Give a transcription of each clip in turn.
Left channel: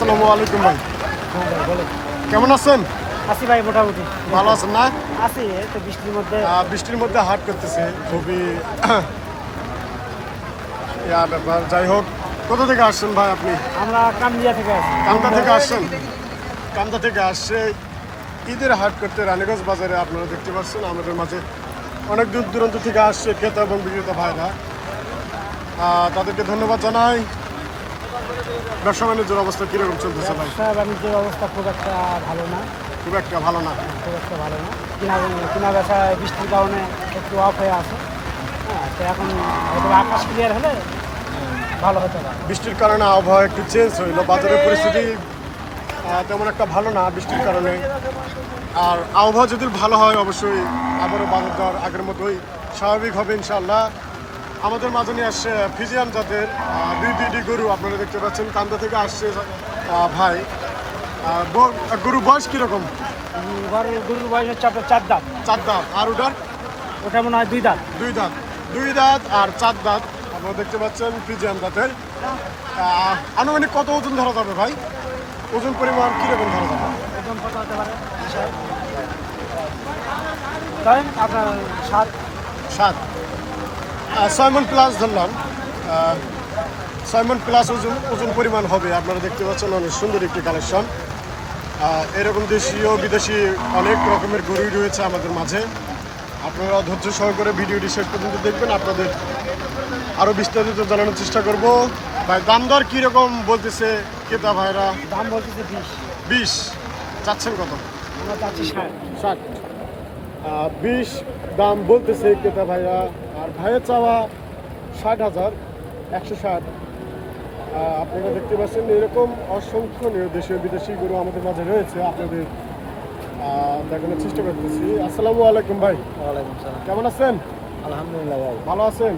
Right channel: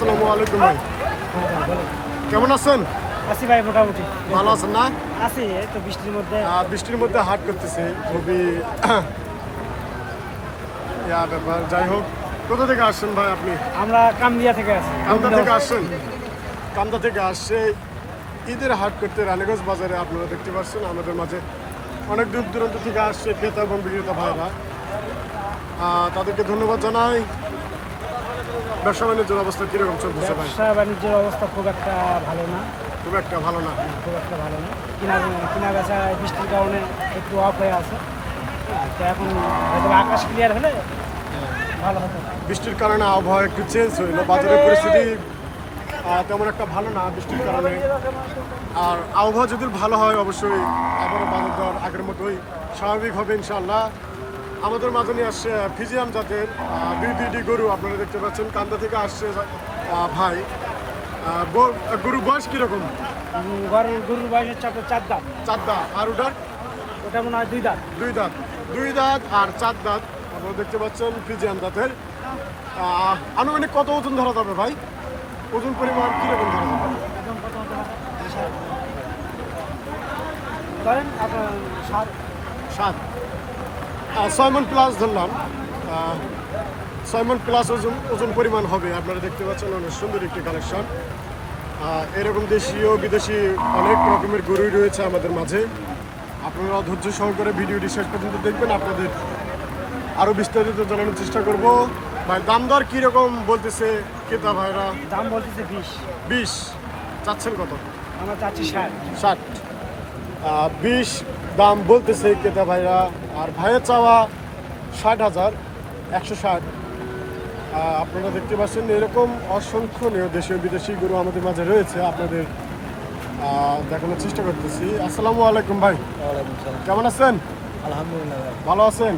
আসসালামু আলাইকুম ভাই। হ্যাঁ ভাই বলো। কেমন আছেন? আছি ভাই মোটামুটি ভালো আছেন না? আছি, এই তো বৃষ্টির মধ্যে। বৃষ্টির মধ্যে হাট করতেছে, খুবই ব্যাপার। যাই হোক, কোথা থেকে আসছেন ভাই আপনি? আমরা কামদিয়া থেকে আছি। কামদা থেকে আসছেন? কামদা থেকে আসছে ঈদের হাট করতে রানীগঞ্জ বাজারে। আপনারা দেখতে পাচ্ছেন আমাদের মাঝে অনেক দূর দূরান্ত থেকে আসছে ক্রেতা এবং বিক্রেতা ভাইরা। তাদেরকে ধন্যবাদ জানাই। ব্যবসা বাণিজ্যের অবস্থা কিরকম চলতেছে ভাই? ব্যবসা বাণিজ্যের অবস্থা খুব একটা ভালো না। খুব একটা ভালো না। খুব একটা ভালো না। কিনা বেচা বৃষ্টির কারণে একটু অফ হয়ে আছে। হ্যাঁ, তো এখন হয়তো আকাশ ক্লিয়ার হলে ভালো হতো না। বৃষ্টির কারণে আবহাওয়া একটু চেঞ্জ হইলো, বাজারের পরিস্থিতি তেমন একটা ভালো না বৃষ্টির কারণে। আর আবহাওয়া যদি ভালো হয় অবশ্যই আবারও বাজার দর আগের মতোই স্বাভাবিক হবে ইনশাআল্লাহ। আমাদের মাঝে নিয়ে আসছে ফিজিয়ান জাতের দুইটি গরু। আপনারা দেখতে পাচ্ছেন কান্দা থেকে আসছে ভাই। গরু বয়স কীরকম? গরুর বয়স হচ্ছে আপনার 4 দাঁত। 4 দাঁত। আর ওটার? ওটা মনে হয় 2 দাঁত। 2 দাঁত। 2 দাঁত আর 4 দাঁত। আপনারা দেখতে পাচ্ছেন ফিজিয়ান জাতের। আনুমানিক কত ওজন ধরা যাবে ভাই? ওজন পরিমাণ কীরকম ধরা যাবে? আপনার 7 6 মণ প্লাস ধরলাম। 6 মণ প্লাস ওজন পরিমাণ হবে। আপনারা দেখতে পাচ্ছেন অনেক সুন্দর একটি কালেকশন। এরকম দেশীয় বিদেশি অনেক রকমের গরুই রয়েছে আমাদের মাঝে। আপনারা ধৈর্য সহকারে ভিডিওটি শেষ পর্যন্ত দেখবেন, আপনাদের আরও বিস্তারিত জানানোর চেষ্টা করব। ভাই দাম দর কীরকম বলতেছে ক্রেতা ভাইরা? দাম বলতেছে 20। 20 চাচ্ছেন কত? আমরা চাচ্ছি 60। 20 দাম বলতেছে ক্রেতা ভাইরা। আর ভাইয়ের চাওয়া 60,000, 160। আপনারা দেখতে পাচ্ছেন এরকম অসংখ্য দেশীয় বিদেশি গরু আমাদের মাঝে রয়েছে। আপনাদের দেখানোর চেষ্টা করতেছি। আসসালামু আলাইকুম ভাই। ওয়ালাইকুম আসসালাম। কেমন আছেন? আলহামদুলিল্লাহ ভাই, ভালো আছেন?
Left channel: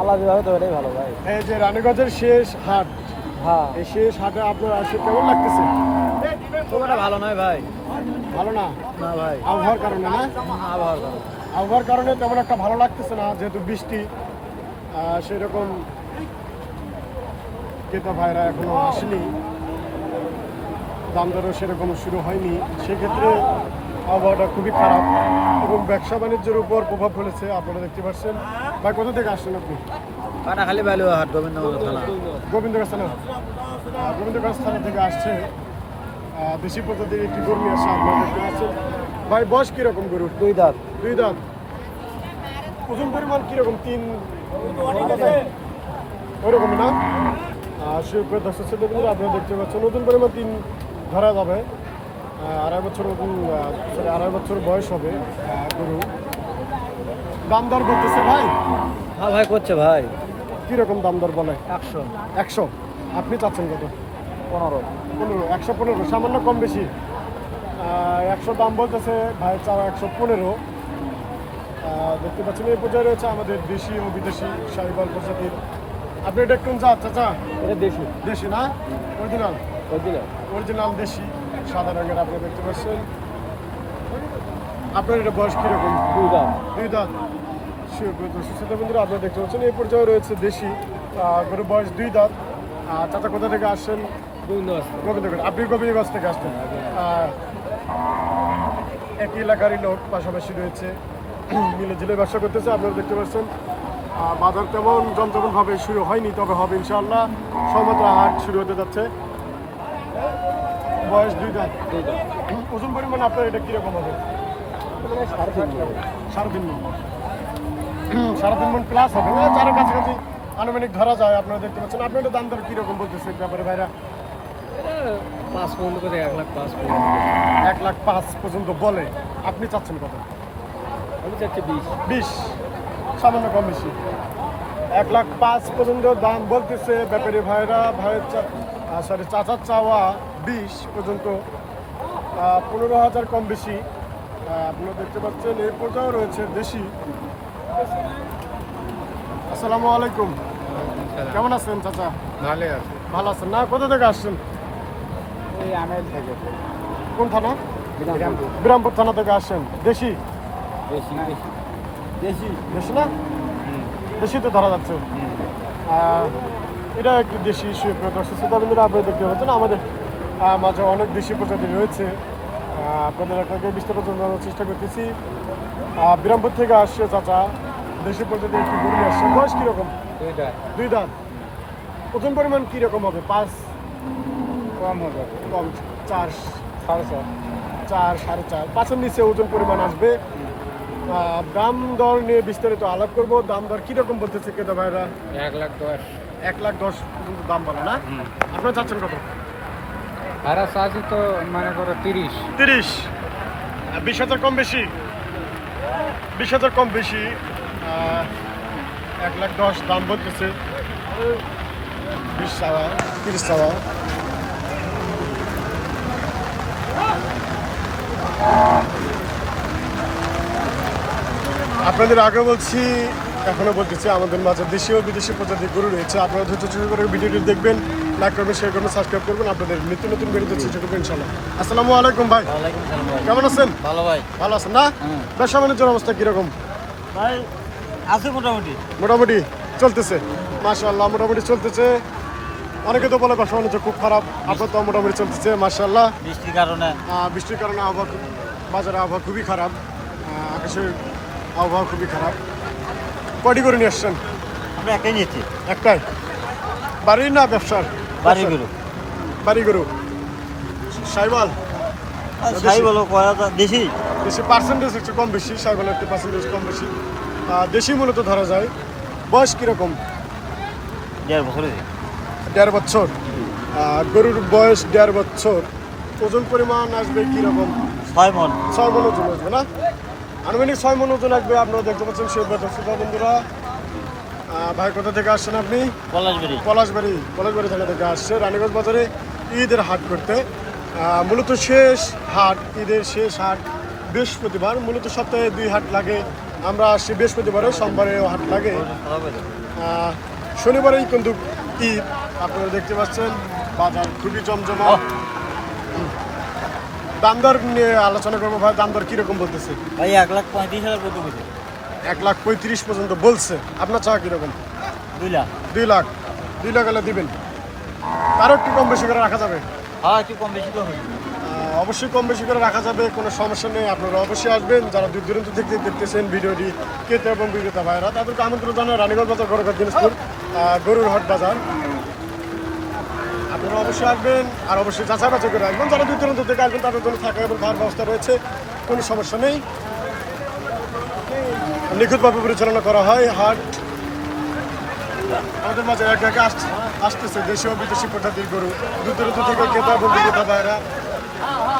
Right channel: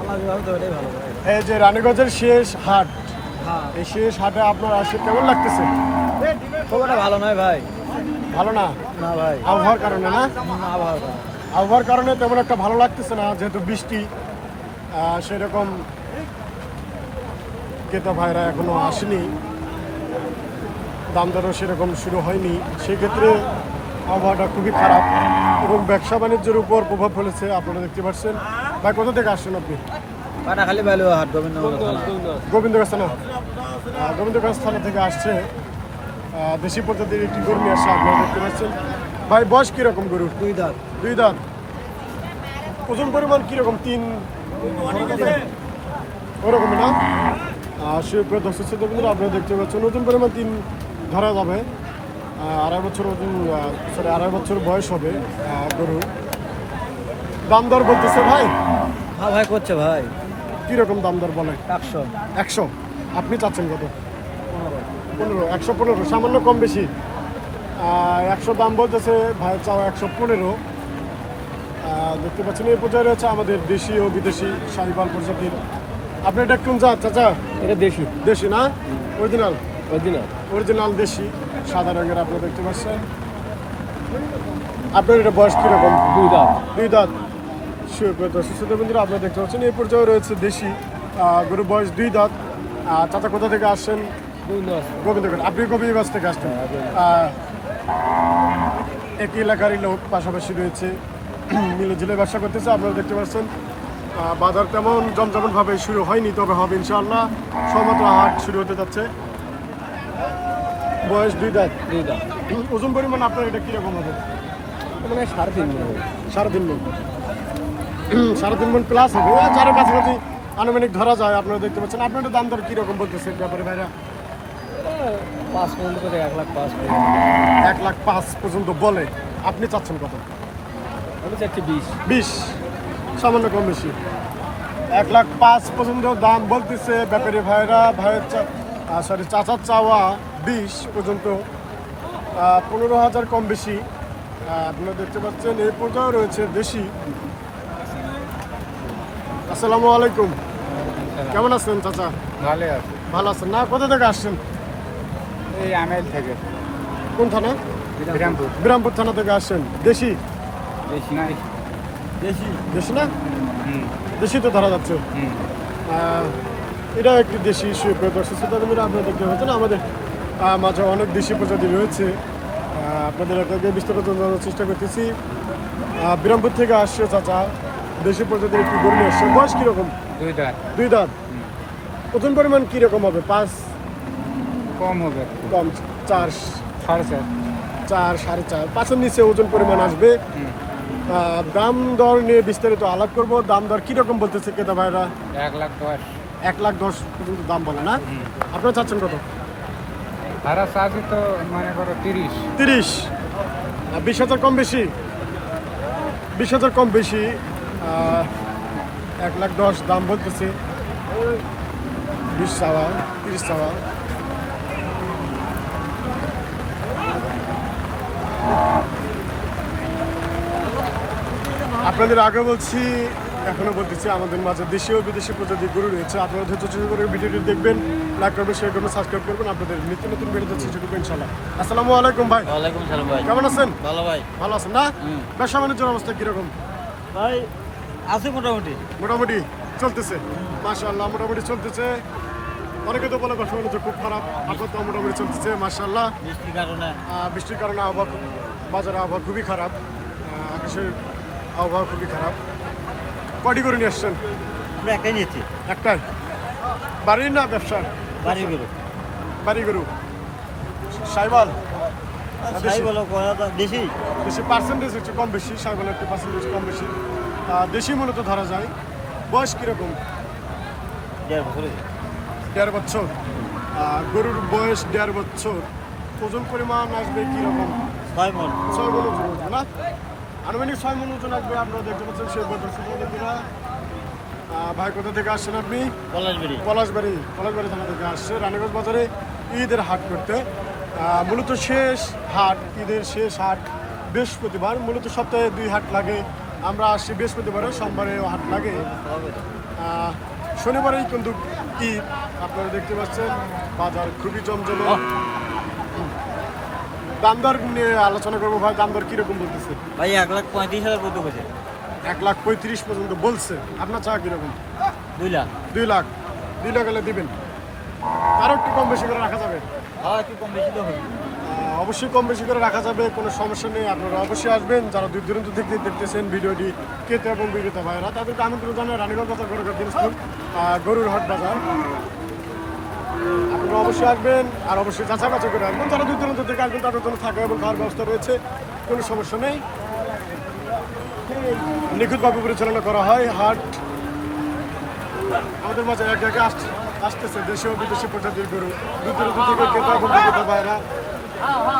আল্লাহ বিবাহ তো এটাই ভালো ভাই। এই যে রানীগঞ্জের শেষ হাট, হ্যাঁ, এই শেষ হাটে আপনার আসে কেমন লাগতেছে? খুব একটা ভালো নয় ভাই। ভালো না? না ভাই, আবহাওয়ার কারণে না? আবহাওয়ার কারণে। আবহাওয়ার কারণে তেমন একটা ভালো লাগতেছে না, যেহেতু বৃষ্টি। সেরকম ক্রেতা ভাইরা এখনো আসেনি, দাম দরও সেরকম শুরু হয়নি। সেক্ষেত্রে আবহাওয়াটা খুবই খারাপ এবং ব্যবসা বাণিজ্যের উপর প্রভাব ফেলেছে। আপনারা দেখতে পাচ্ছেন। ভাই কোথা থেকে আসছেন আপনি? পাটাখালী বাইলো হাট, গোবিন্দগঞ্জ থানা। গোবিন্দগঞ্জ থানা। গোবিন্দগঞ্জ থানা থেকে আসছে দেশি প্রজাতির একটি গরু নিয়ে আসছে। আপনারা দেখতে পাচ্ছেন। ভাই বয়স কীরকম গরুর? 2 দাঁত। 2 দাঁত। ওজন পরিমাণ কীরকম? 3 ওরকমই না? সুপ্রিয় দর্শক শ্রোতা বন্ধুরা, আপনারা দেখতে পাচ্ছেন ওজন পরিমাণ 3 ধরা যাবে। 2.5 বছর ওজন, 2.5 বছর বয়স হবে গরু। দাম দর বলতেছে ভাই? হ্যাঁ ভাই, করছে ভাই। কীরকম দাম দর বলে? 100। 100। আপনি চাচ্ছেন কত? 15। 115। সামান্য কম বেশি। 100 দাম বলতেছে, ভাই চাও 115। দেখতে পাচ্ছেন এই পর্যায়ে রয়েছে আমাদের দেশি ও বিদেশি শাহিওয়াল প্রজাতির। আপনি এটা কোন জাত চাচা? এটা দেশি। দেশি না? অরিজিনাল? বুঝলি? অরিজিনাল দেশি, সাদা রঙের। আপনারা দেখতে পাচ্ছেন। আপনার এটা বয়স কীরকম? 2 দাঁত। 2 দাঁত। সুস্থ বন্ধুরা, আপনারা দেখতে পাচ্ছেন এই পর্যায়ে রয়েছে দেশি গরুর বয়স 2 দাঁত। চাচা কোথা থেকে আসছেন? গোবিন্দগঞ্জ। আপনি গোবিন্দগঞ্জ থেকে আসছেন। একই এলাকারই লোক, পাশাপাশি রয়েছে, মিলে ঝিলে ব্যবসা করতেছে। আপনারা দেখতে পাচ্ছেন বাজার তেমন জমজমভাবে শুরু হয়নি, তবে হবে ইনশাআল্লাহ। সবেমাত্র হাট শুরু হতে যাচ্ছে। বয়স 2 দাঁত। ওজন পরিমাণ আপনার এটা কীরকম হবে? 3.5 মণ। 3.5 মণ প্লাস হবে। 4-এর কাছাকাছি আনুমানিক ধরা যায়। আপনারা দেখতে পাচ্ছেন। আপনার এটা দাম দর কীরকম বলতেছে ব্যাপারে ভাইরা? 5 পর্যন্ত করে 1,05,000 1,05,000 পর্যন্ত বলে। আপনি চাচ্ছেন কত? আমি চাচ্ছি 20। 20। সামান্য কম বেশি। 1,05,000 পর্যন্ত দাম বলতেছে ব্যাপারী ভাইরা। চাচার চাওয়া 20 পর্যন্ত, 15,000 কম বেশি। আপনারা দেখতে পাচ্ছেন এই পর্যায়ে রয়েছে দেশি। আসসালামু আলাইকুম। কেমন আছেন চাচা? ভালো আছে। ভালো আছেন না? কোথা থেকে আসছেন? এই আমেল থেকে। কোন থানা? বিরামপুর থানা থেকে আসছেন। দেশি? দেশি। দেশি না? দেশি তো ধরা যাচ্ছে। এটা একটি দেশি সুপ্রিয় দর্শক শ্রোতা বন্ধুরা, আপনারা দেখতে পাচ্ছেন আমাদের মাঝে অনেক দেশি প্রজাতি রয়েছে। আপনাদের আপনাকে বিস্তারিত জানার চেষ্টা করতেছি। বিরামপুর থেকে আসছে চাচা, দেশি প্রজাতির একটি গরু নিয়ে আসছে। বয়স কীরকম? 2 দাঁত। 2 দাঁত। ওজন পরিমাণ কীরকম হবে? 5 কম হবে। কম 4 4.5 4.5 5-এর নিচে ওজন পরিমাণ আসবে। দাম দর নিয়ে বিস্তারিত আলাপ করব। দাম দর কীরকম বলতেছে ক্রেতা ভাইরা? 1,10,000। 1,10,000 পর্যন্ত দাম বলে না? আপনারা চাচ্ছেন কত? ভাড়া চার্জ তো মনে করো 30। 30। 20,000 কম বেশি? 20,000 কম বেশি। 1,10,000 দাম বলতেছে। 20 চাওয়া, 30 চাওয়া। আপনাদের আগে বলছি, এখনো বলতেছি, আমাদের মাঝে দেশি ও বিদেশি প্রজাতির গরু রয়েছে। আপনারা ধৈর্য করে ভিডিওটি দেখবেন, লাইক করবেন, শেয়ার করবেন, সাবস্ক্রাইব করবেন। আপনাদের নিত্য নতুন ভিডিও চেষ্টা করবেন ইনশাল্লাহ। আসসালামু আলাইকুম ভাই। ওয়ালাইকুম আসসালাম ভাই। কেমন আছেন? ভালো ভাই। ভালো আছেন না? ব্যবসা বাণিজ্যের অবস্থা কিরকম? ভাই আছে মোটামুটি। মোটামুটি চলতেছে, মাশাআল্লাহ মোটামুটি চলতেছে। অনেকে তো বলে ব্যবসা বাণিজ্য খুব খারাপ, আপনার তো মোটামুটি চলতেছে মাশাআল্লাহ। বৃষ্টির কারণে বৃষ্টির কারণে আবহাওয়া বাজারে আবহাওয়া খুবই খারাপ, আকাশের আবহাওয়া খুবই খারাপ। কয়টি করে নিয়ে আসছেন? আমরা একটাই নিয়েছি। একটাই? বাড়ির না ব্যবসার? বাড়িগুলো বাড়ি গরু। সাইবাল দেশি? সাই বলো কয়া দেশি। দেশি পার্সেন্টেজ একটু কম বেশি, সাইবালের একটু পার্সেন্টেজ কম বেশি। দেশি মূলত ধরা যায়। বয়স কীরকম? 1.5 বছর। 1.5 বছর। গরুর বয়স 1.5 বছর। ওজন পরিমাণ আসবে কীরকম? 6 মণ। 6 মণ ওজন আসবে না? আনুমানিক 6 মণ ওজন আসবে। আপনারা দেখতে পাচ্ছেন সেই দর্শক বন্ধুরা। ভাই কোথা থেকে আসছেন আপনি? পলাশবাড়ি। পলাশবাড়ি থানা থেকে আসছে রানীগঞ্জ বাজারে ঈদের হাট করতে। মূলত শেষ হাট, ঈদের শেষ হাট বৃহস্পতিবার। মূলত সপ্তাহে 2 হাট লাগে। আমরা আসছি বৃহস্পতিবারে, সোমবারেও হাট লাগে। শনিবারেই কিন্তু ঈদ। আপনারা দেখতে পাচ্ছেন বাজার খুবই জমজমা। দাম দর নিয়ে আলোচনা করবো ভাই। দাম দর কীরকম বলতেছে? ভাই 1,35,000 পর্যন্ত বলছে। 1,35,000 পর্যন্ত বলছে। আপনার চাওয়া কীরকম? 2 লাখ। 2 লাখ। 2 লাখ হলে দিবেন? তারও একটু কম বেশি করে রাখা যাবে? হ্যাঁ একটু কম বেশি করে। অবশ্যই কম বেশি করে রাখা যাবে, কোনো সমস্যা নেই। আপনারা অবশ্যই আসবেন। যারা দূর দূরান্ত থেকে দেখতেছেন ভিডিওটি, ক্রেতা এবং বিক্রেতা ভাইরা, তাদেরকে আমন্ত্রণ জানাই রানীগঞ্জ বাজার, গড়গড় দিনাজপুর গরুর হাট বাজার। আপনারা অবশ্যই আসবেন আর অবশ্যই যাচাই বাছাই করে আসবেন। যারা দূর দূরান্ত থেকে আসবেন তাদের জন্য থাকা এবং খাওয়ার ব্যবস্থা রয়েছে, কোনো সমস্যা নেই। নিখুঁতভাবে পরিচালনা করা হয় হাট। আমাদের মাঝে একে একে আসতেছে দেশীয় বিদেশি প্রজাতির গরু, দূর দূরান্ত থেকে ক্রেতা এবং বিক্রেতা ভাইরা।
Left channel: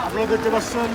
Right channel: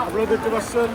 আপনারা দেখতে পাচ্ছেন